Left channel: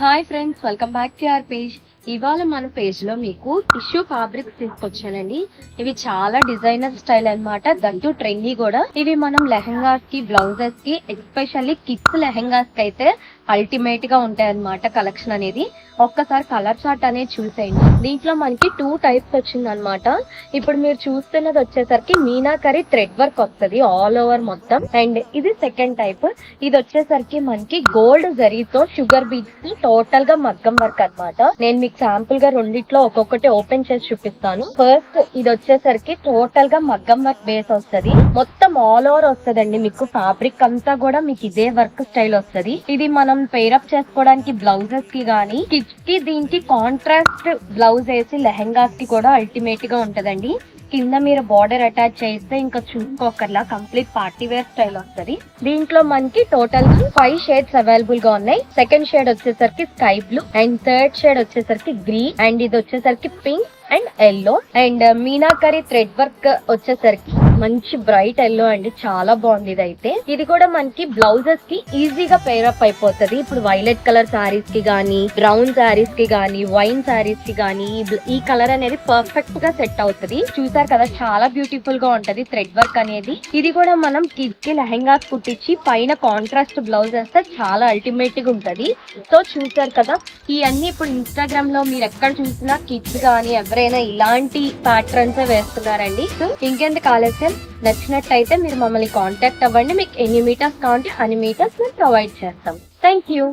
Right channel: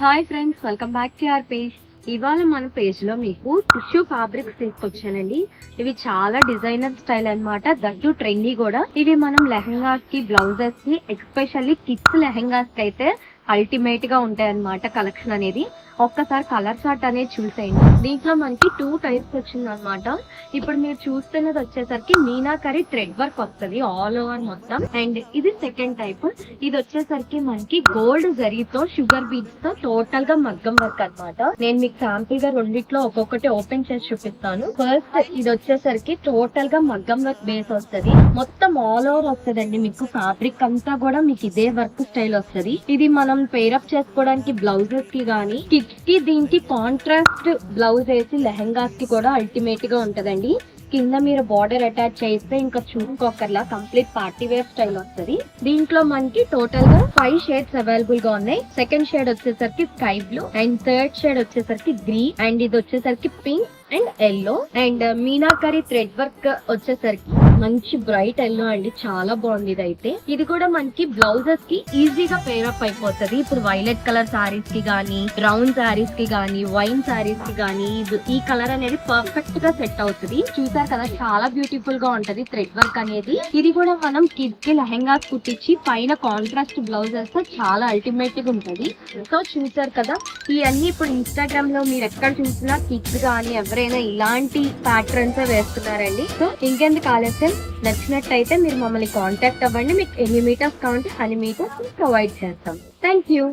Hi friends, welcome back to our page. ఇవాళ మన page లో మీకు టిష్యూ ఫ్యాబ్రిక్స్ తీసుకొచ్చానండి. ఇవి చాలా డిజైనర్ స్టైల్ అన్నమాట, దట్టు ట్రెండీ కూడా. ఇవి మనం లెహంగాస్ కి, బ్లౌజెస్ కి, ఎస్పెషల్లీ కిడ్స్ లెహంగాస్ కి అయితే అల్టిమేట్ గా ఉంటాయి అన్నమాట కలెక్షన్ అనేది. ఒక్కసారి కలర్ చార్ట్ అనేది చూసేయండి. దీంట్లో మనకి 2 టైప్స్ వచ్చింది అనమాట. ఇప్పుడు మీరు చూస్తున్నది వచ్చేసరికి మీనాకరి థ్రెడ్ వర్క్ వస్తుంది ఆల్ ఓవర్ మొత్తం. అండ్ ఇది సెకండ్ టైప్. ఇది వచ్చేసరికి మనకి గోల్డ్ జరీతో, షుగర్ బీడ్స్ తో టోటల్ గా మగ్గం వర్క్ అన్నమాట. నేను మీకు శాంపుల్ గా రెండిట్లో ఒక్కొక్కటి ఓపెన్ చేసి చూపిస్తాను. ఫస్ట్ ఇది వచ్చేసరికి టోటల్ గా మగ్గం వర్క్ బేస్ వస్తుంది. మొత్తం ఆల్ ఓవర్ వస్తుందండి. మీకు ఫ్యాబ్రిక్ అంతా కూడా మీకు ఇదే వర్క్ స్టైల్ వస్తుంది. ఇది మనం పేరప్ చేసుకోవడానికి బ్లౌజెస్ కి గానీ, కిడ్స్ కి దీనికి కాంట్రాస్ట్ బ్లౌజ్ వేసి లెహంగాస్ కి కూడా అల్టిమేట్ గా ఉంటదండి. కింద మీరు బార్డర్ అటాచ్ చేస్తే ఇంకా చూసుకోకర్లా కంప్లీట్ పార్టీ వేర్ స్టైల్ వస్తుంది. దీంట్లో మనకి టోటల్ గా 5 షేడ్స్ అవైలబుల్ గా ఉన్నాయి. సెకండ్ షేడ్ వచ్చేసరికి sky blue, and third shade వచ్చేసరికి గ్రీన్, అండ్ ఇది వచ్చేసరికి pink and yellow, and meenakari thread work వచ్చేసరికి మంచి బ్రైట్ ఎల్లో అండి. చాలా బాగుంది ఇది అయితే. ఇది కూడా మనకి బ్లౌజెస్ కి ఈజీగా పేరప్ అయిపోతుంది. ఇప్పుడు వైలెట్ కలర్ సారీస్ కి గానీ, బ్రౌన్ సారీస్ కి గానీ, వైన్ సారీస్ కి గానీ ఈ కలర్ అనేది పర్ఫెక్ట్ గా సెట్ అవుతుంది. చూసారు కదా, చాలా బ్యూటిఫుల్ గా ఉంటది థ్రెడ్ వర్క్ అనేది. ఇది కూడా మనం కిడ్స్ కి లెహంగాస్ కుట్టించి పైన కాంట్రాస్ట్ బ్లౌజ్ వేస్తే చాలా అల్టిమేట్ గా ఉంటది. సో చూసారు కదా, ఇవన్నీ ఇప్పుడు ఇన్స్టాగ్రామ్ లో మీరు ఎక్కడ చూసినా కిడ్స్ గానీ ఎవరైనా ఇలాంటి ప్యాటర్న్స్ వేస్తున్నారండి. సో ఇంకెందుకు ఆలస్యం, నచ్చినట్టయితే మీరు మమ్మల్ని కాంటాక్ట్ అవ్వండి. మీకు ఎన్ని మీటర్స్ కావాలంటే అన్ని మీటర్స్ మేము ప్రొవైడ్ చేస్తాం. Thank you.